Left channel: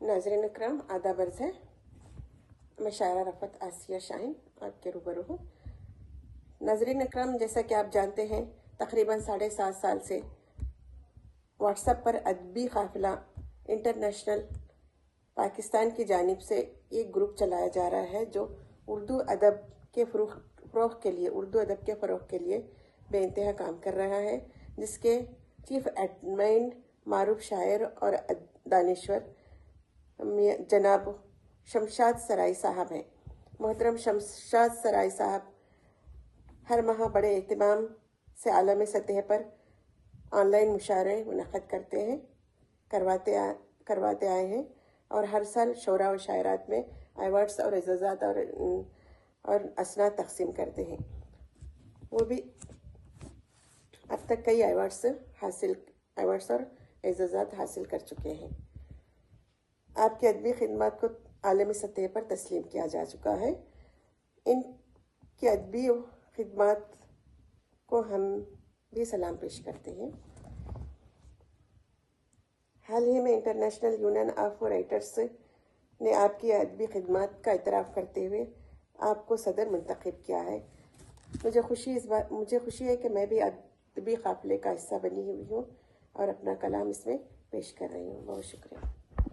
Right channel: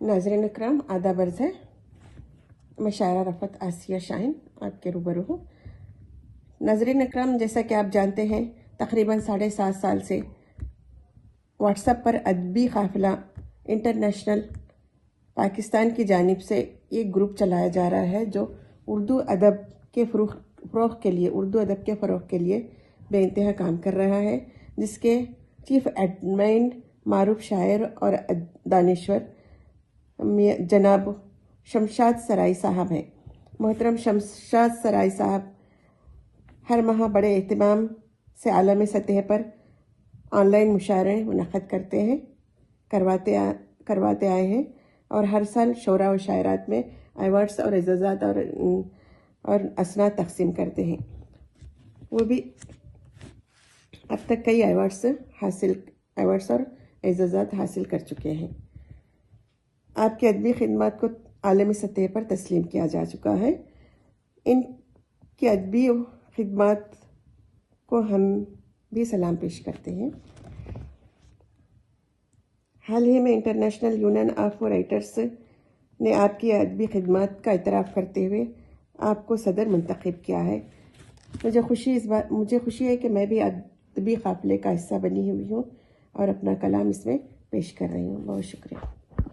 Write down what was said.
नाज़रीन इकराम आदाब अर्ज़ है। मैं शायरा रफ़त आसिया शाहीन आपके रूबरू हूँ। नाज़रीन इकराम, जैसा कि आप जानते हैं, तकरीबन 7.5 साल से व्हाट्सएप पर अदबी काफ़िला इंटरनेशनल पाकिस्तान की जानिब से एक ग्रुप चलाया जा रहा है जो उर्दू अदब के फ़रोग़ के लिए बेइंतहा काम कर रहा है, जिसके चीफ एडमिन मारूफ शायर और दानिश्वर जनाब शमशाद सराई साहब हैं। मोहतरम शमशाद सराई साहब हर माह बड़े एहतमाम से आलमी सतह पर ऑनलाइन मुशायरे मुनक़्क़द करवाते आए हैं और हर साल शोरा व शायरात में अवार्ड्स और एजाज़ात और असनाद तकसीम करते हैं। वो भी अब तक कई अवार्ड्स और एजाज़ात हासिल कर चुके हैं। आपकी अदबी खिदमत को आलमी सतह पर तस्लीम किया जा चुका है। इनकी अदबी खिदमत को हम भी सलाम पेश करते हैं। हाल ही में इंटरनेशनल यूनियन ऑफ राइटर्स ने आपकी अदबी खिदमत का इतराफ़ करते हुए आपको सदर मुंतखब किया है। मुझे खुशी है कि मैं भी अदबी काफ़िले का हिस्सा बनी हुई हूँ और अपना कलाम इसमें पेश कर रही हूँ। बहुत शुक्रिया।